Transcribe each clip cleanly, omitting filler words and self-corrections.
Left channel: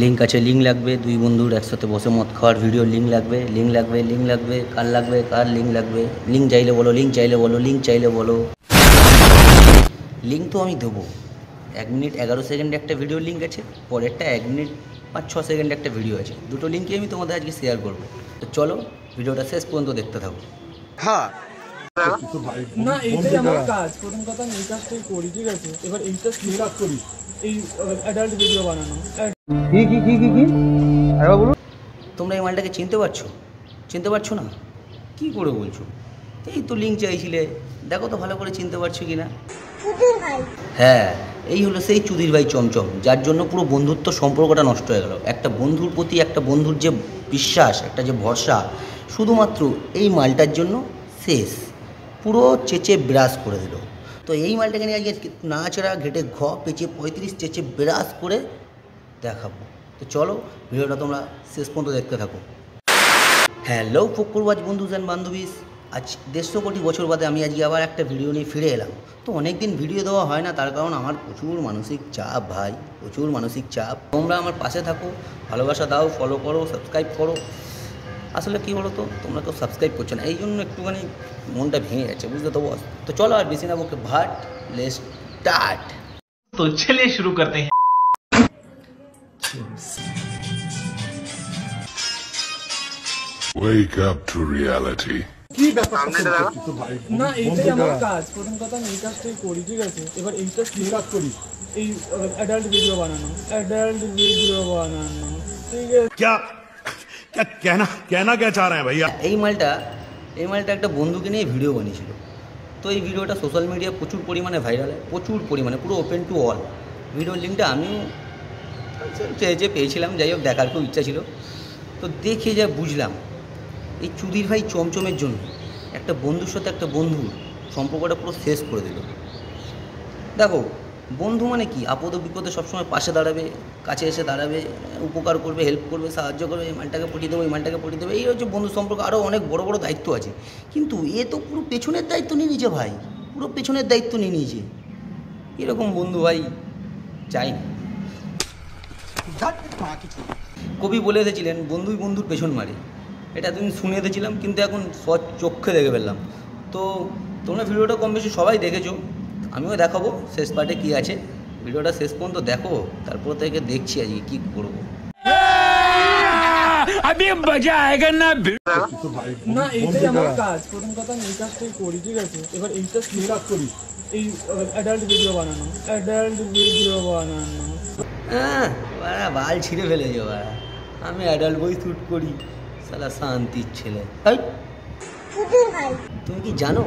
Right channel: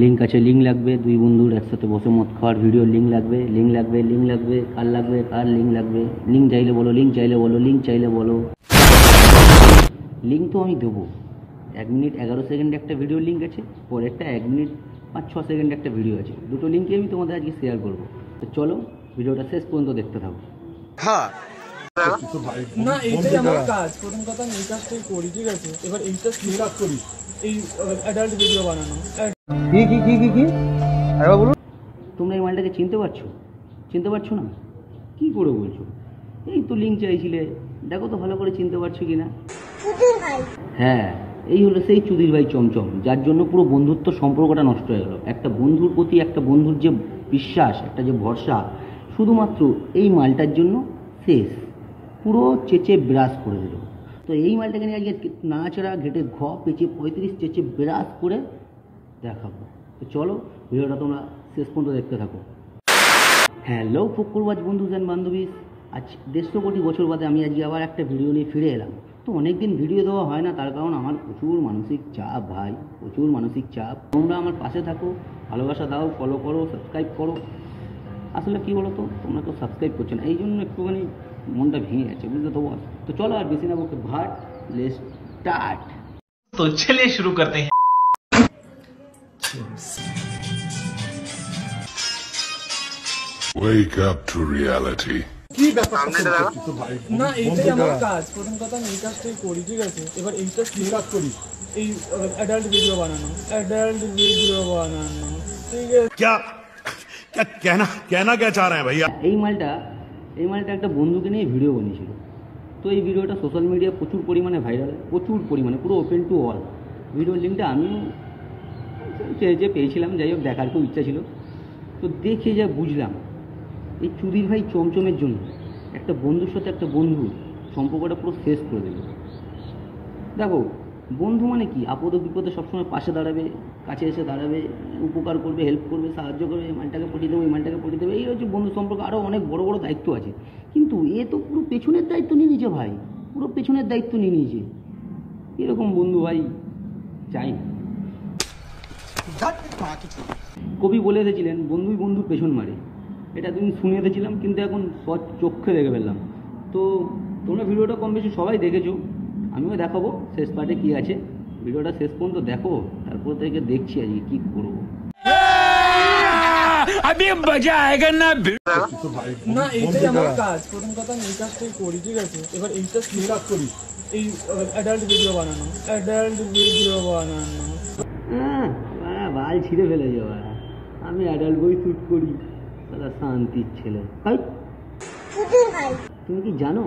Link আছে, link লাগবে, দুই বন্ধুর একসাথে বসে মদ খাওয়ার ভিডিও লিঙ্ক লাগবে, লিঙ্ক লাগবে, লিঙ্ক লাগবে, কার লাগবে, কার লিঙ্ক লাগবে, লিঙ্ক চাইলে বলো, লিঙ্ক চাইলে বলো, লিঙ্ক চাইলে বলো। লিঙ্ক তো আমি দেবো। 1 মিনিট 11 সেকেন্ডে একটা ভিডিও লিঙ্ক আছে, পরেরটা 1 মিনিট 5-6 সেকেন্ডে একটা ভিডিও আছে। দুটো লিঙ্কই আমি তোমাদের আজকে শেয়ার করবো। তো চলো ভিডিওটা শেষ পর্যন্ত দেখতে থাকো। হ্যাঁ না, এইটাই আমার কাজ। প্রথম কথা আমি এই কাজটাই করি, ঠিক আছে? এবার এইটা কাজ করি, এই অ্যাডাল্ট ভিডিও বানানো। কি আরে বলুন। তোমরা এই মালটাকে চিনতে পারছো? চিনতে পারছো না? কি করে বলছো? এই তো লিঙ্ক চাইছিলে, দেখো তো ভালো করে চিনতে পারছো কি না। হ্যাঁ, এই হলো সেই চুদির ভাই চমচম, যার জন্য পুরো বন্ধুত্ব সম্পর্কটা নষ্ট হয়ে গেল। একটা বন্ধুর প্রতি একটা বন্ধুর যে বিশ্বাস, একটা যে ভরসা, শুধুমাত্র এই মালটার জন্য শেষ। পুরো চেঁচে ব্রাশ করে দিল। তো এই মালটাকে নিয়ে আজকে নাচড়া ঘেটে পেঁচে 35 চেঁচে ব্রাশ করে দেখাবো। তো চলো ভিডিওটা তোমরা শেষ পর্যন্ত দেখতে থাকো। হ্যালো ফক্কুরবাজ বন্ধু অ্যান্ড বান্ধবীস, আজ 150 কোটি বছর বাদে আমি আজকে আবার একটা ভিডিও নিয়ে ফিরে এলাম। তো অনেক দিন ভিডিও দেওয়া হয় না, তার কারণ আমার প্রচুর মানসিক চাপ ভাই, প্রচুর মানসিক চাপ। তোমরা আমার পাশে থাকো, ভালোবাসা দাও, ফলো করো, সাবস্ক্রাইব করো। আসলে কী বলো তো, তোমরা তো সাবস্ক্রাইব করছো না, এই জন্য একটুখানি মনটা ভেঙে গেছে, বুঝতে তো বস। তো চলো আর বেশি না বকে ভাট, লেটস স্টার্ট। तो चलिए शुरू करते हैं। Wake up to reality. কি ব্যাপার না, এইটাই আমার কাজ। প্রথম কথা আমি এই কাজটাই করি, ঠিক আছে? এবার এইটা কাজ করি, এই অ্যাডাল্ট ভিডিও বানানো, অ্যাডাল্ট ভিডিও বানানো, ঠিক আছে? क्या कहना क्या चाह रहे हैं भैया? এই মালটা একটা বন্ধুকে নিয়ে ভিডিও বানিয়েছিল। তো এই ভিডিওটা সোশ্যাল মিডিয়া প্রচুর পরিমাণে ভাইরাল, প্রচুর পরিমাণে, পুরো ওপেন টু অল। ভিডিওর লিঙ্কটা আমিও চেয়ে পেয়েছিলাম, যাই হোক দেখার খুব ইচ্ছা ছিল। তো দেখে যা বুঝলাম, এই চুদির ভাই চমচমের জন্য একটা বন্ধুর সাথে একটা বন্ধুর সম্পর্কটা পুরো শেষ করে দিল। দেখো, বন্ধু মানে কি, আপদ বিপদে সবসময় পাশে দাঁড়াবে, কাছে এসে দাঁড়াবে, উপকার করবে, হেল্প করবে, সাহায্য করবে, এই মালটাকে পটিয়ে দেবো, এই মালটাকে পটিয়ে দেবো, এই হচ্ছে বন্ধু সম্পর্ক। আরও অনেক বড় বড় দায়িত্ব আছে, কিন্তু এ তো পুরো পেছনের দায়িত্ব নিয়ে নিয়েছে ভাই, পুরো পেছনের দায়িত্ব নিয়ে নিয়েছে। এরকম বন্ধু ভাই চাই না। কবি বলে এসেছিলেন, বন্ধুই বন্ধুর পেছন মারে। এটা তুমি শুনে এসেছিলাম, কিন্তু এখন চোখে দেখে ফেললাম। তো তোমরা ভিডিওটা কম বেশি সবাই দেখেছো, আমিও দেখাবো শেষ পার্টে কী আছে। ভিডিওটা শেষ পর্যন্ত দেখো, তারপর থেকে দেখছি আজকে কী করবো। না, এইটাই আমার কাজ। প্রথম কথা আমি এই কাজটাই করি, ঠিক আছে? এবার এইটা কাজ করি, এই অ্যাডাল্ট ভিডিও বানানো, অ্যাডাল্ট ভিডিও বানানো। হ্যাঁ, বাড়া বাল ছিঁড়ে ফেলেছে বাড়া। আমি অ্যাডাল্ট বই শ্যুট করি, শালা শান্তির ছেলে। তুমি কি জানো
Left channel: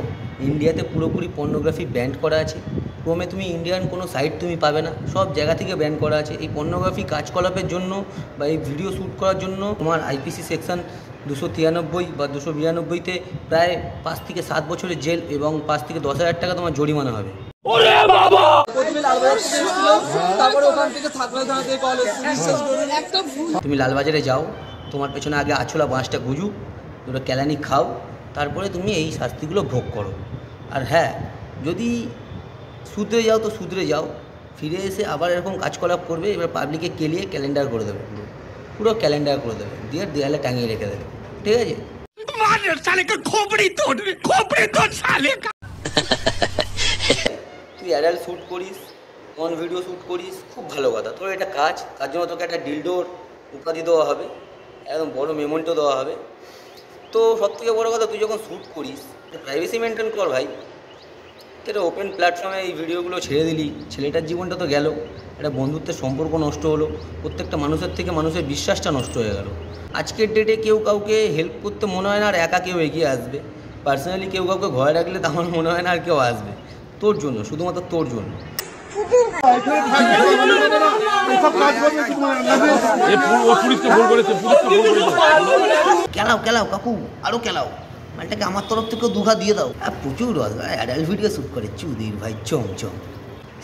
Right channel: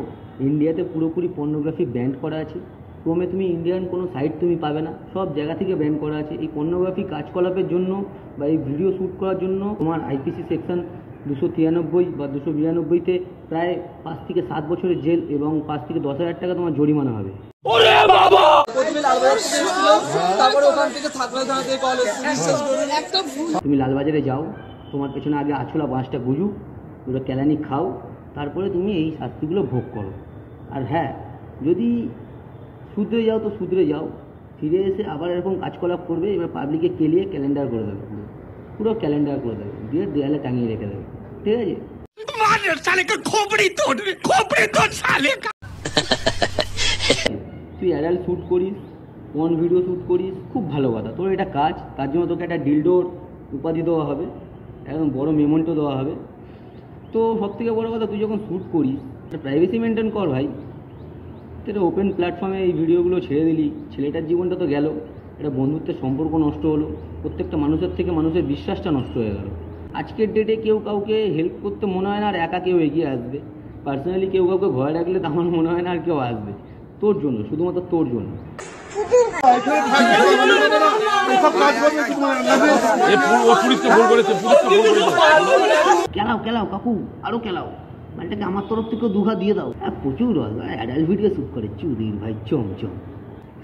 ইন্ডিয়াতে পুরোপুরি পর্নোগ্রাফি ব্যান করা আছে? ক্রমে তুমি ইন্ডিয়ান কোনো সাইট তুমি পাবে না, সব জায়গা থেকে ব্যান করা আছে। এই পর্নোগ্রাফি কাজকলাপের জন্য বা এই ভিডিও শ্যুট করার জন্য তোমার আইপিসি সেকশন 293 বা 292-তে প্রায় 5 থেকে 7 বছরের জেল এবং 5 থেকে 10,000 টাকা তোমার জরিমানা হবে। তুমি লালবাজারে যাও, তোমার পেছনে আগে আছলা বাঁশটা গুজুক, দুটো কেলানি খাও, তারপরে তুমি এই শাস্তিগুলো ভোগ করো। আর হ্যাঁ, যদি শুধরে যাও তো শুধরে যাও, ফিরে এসে আবার এরকম কাজকলাপ করবে, এবার পাবলিকে কেলিয়ে ক্যালেন্ডার করে দেবে, পুরো ক্যালেন্ডার করে দেবে, দিয়ে দেয়ালে টাঙিয়ে রেখে দেবে, ঠিক আছে? তুই অ্যাডাল্ট শ্যুট করিস, ওয়ান ভিডিও শ্যুট করিস, খুব ভালো কথা, তোর এটা কাজ। তার জন্য তোকে একটা ডিলডোর উপাধি দেওয়া হবে, একদম বড় মেমোন্টো দেওয়া হবে। তো সবথেকে বড়ো কথা, তুই যখন শ্যুট করিস প্রাইভেসি মেনটেন কর ভাই। এটা ওপেন প্ল্যাটফর্মে এই ভিডিওগুলো ছেড়ে দিলি, ছেলেটার জীবনটা তো গেল, একটা বন্ধুত্বের সম্পর্ক নষ্ট হলো, প্রত্যেকটা মানুষের থেকে মানুষের বিশ্বাসটা নষ্ট হয়ে গেল। আজকের ডেটে কেউ কাউকে হেল্প করতে মনে হয় না আর একা কেউ এগিয়ে আসবে। পার্সোনালি কেউ কাউকে ঘরে রাখলে তো আমার মনে হয় না আর কেউ আসবে। তোর জন্য, শুধুমাত্র তোর জন্য। কেলাও কাকু, আরো কেলাও, মালটাকে আমার তরফ থেকেও দুঘা দিয়ে দাও। প্রচুর অ্যাডাল্ট ভিডিও শ্যুট করে চুদির ভাই চমচম।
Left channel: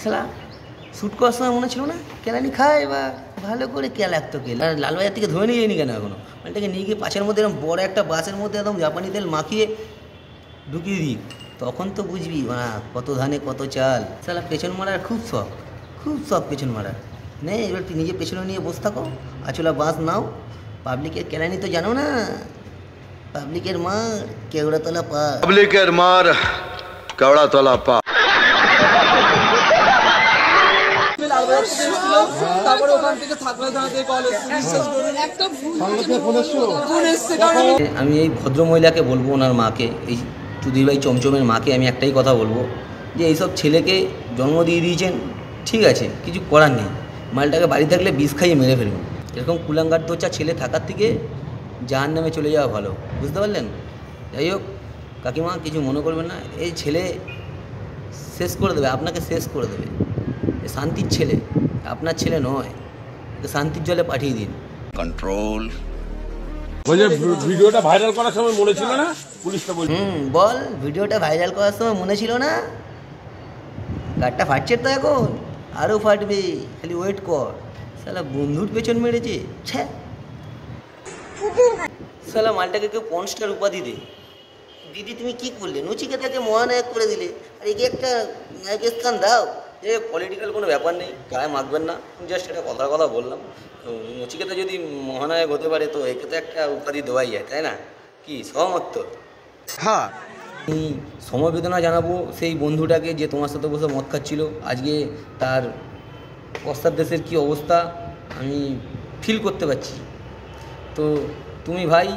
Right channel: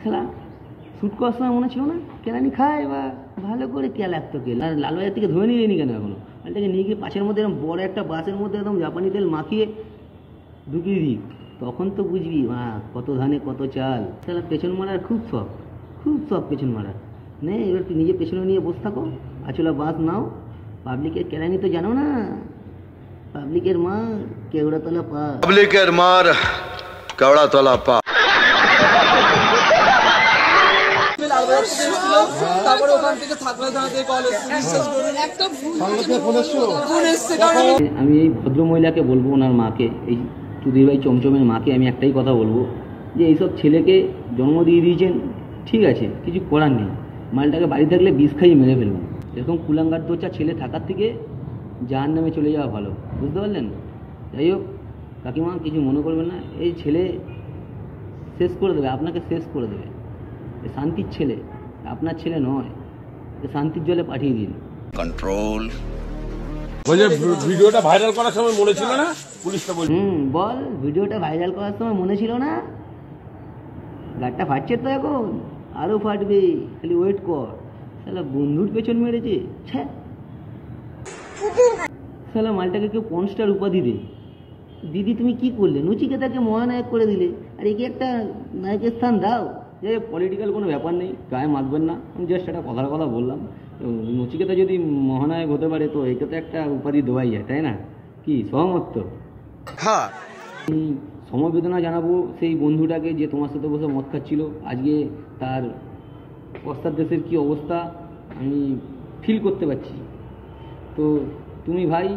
শালা শ্যুট করার সময় মনে ছিল না কেলানি খায়, বা ভালো করে কেলাক তো কেলা। আর লালবাজার থেকে ধরে নিয়ে যায়নি কেন এখনো? মালটাকে নিয়ে গিয়ে পাশের মধ্যে এরকম বড় একটা বাসের মধ্যে একদম জাপানি তেল মাখিয়ে ঢুকিয়ে দিই, তখন তো বুঝবি কত ধানে কত চাল। শালা পেছন মারার খুব শখ পেছন মারার। নে এবার তুই নিজে পেছনে নিয়ে বসে থাকো, আচলা বাস নাও। পাবলিকের কেরানি তো জানো না, পাবলিকের মার কেওড়াতলা পা। পাবলিকের মার কেওড়াতলা পা। তারপরে ওখান থেকে থাকলে কল এসছে। আমি এই ভদ্রমহিলাকে বলবো, ওনার মাকে, এই চুদির ভাই চমচমের মাকে আমি একটাই কথা বলবো যে এইসব ছেলেকে জন্ম দিয়ে দিয়েছেন, ঠিক আছে, কিছু করার নেই। মালটাকে বাড়ি থাকলে বিষ খাইয়ে মেরে ফেলুন। এরকম কুলাঙ্গার দোচা ছেলে থাকার থেকে জাহান্নামে চলে যাওয়া ভালো, বুঝতে পারলেন? যাই হোক কাকিমা, কিছু মনে করবেন না, এই ছেলে শেষ করে দেবে, আপনাকে শেষ করে দেবে। শান্তির ছেলে, আপনার ছেলে নয়, শান্তির জলে পাঠিয়ে দিন। কন্ট্রোল। বলছে ভিডিওটা ভাইরাল করার সময় মনে ছিল না, পুলিশটা বলছে। বল, ভিডিওটা ভাইরাল করার সময় মনে ছিল না? গাড়টা ফাটছে তো এখন, আরও ফাটবে, খালি ওয়েট কর। শালা বন্ধুর পেছন মেরেছে, ছ্যা। শালা মালটাকে কেউ পনস্টার উপাধি দে। দিদি তুমি কি করলে? নচিকেতাকে মহানায়ক করে দিলে, আর একে একটা নায়কের স্থান দাও। যে পলিটিক্যাল কোনো ব্যাপার নেই, গায়ে মাখবেন না, আমি জাস্ট একটা কথা বললাম। নচিকেতা যদি মহানায়ক হতে পারে তো একে তো একটা উপাধি দেওয়াই যায়, তাই না? কি সহমত তো? হ্যাঁ। আমি সমবেদনা জানাবো সেই বন্ধুটাকে যে তোমার সাথে বসে মদ খাচ্ছিল। আজকে তার পশ্চাৎ দেশের কী অবস্থা আমি ফিল করতে পারছি। তো তুমি ভাই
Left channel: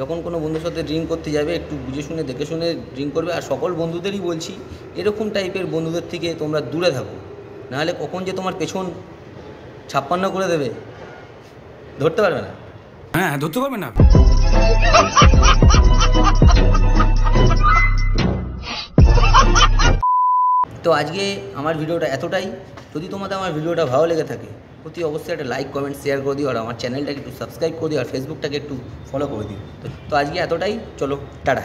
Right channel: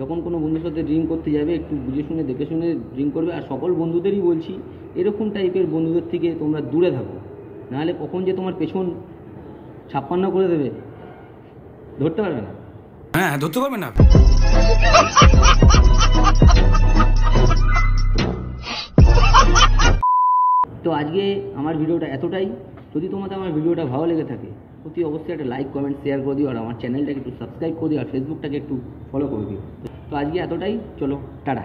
যখন কোনো বন্ধুর সাথে ড্রিঙ্ক করতে যাবে একটু বুঝে শুনে দেখে শুনে ড্রিঙ্ক করবে। আর সকল বন্ধুদেরই বলছি, এরকম টাইপের বন্ধুদের থেকে তোমরা দূরে থাকো, নাহলে কখন যে তোমার পেছন 56 করে দেবে ধরতে পারবে না। হ্যাঁ, ধরতে পারবে না। তো আজকে আমার ভিডিওটা এতটাই। যদি তোমাদের আমার ভিডিওটা ভালো লেগে থাকে অতি অবশ্যই একটা লাইক কমেন্ট শেয়ার করে দিও, আর আমার চ্যানেলটাকে একটু সাবস্ক্রাইব করে দিও, আর ফেসবুকটাকে একটু ফলো করে দিও। তো আজকে এতটাই, চলো টাটা।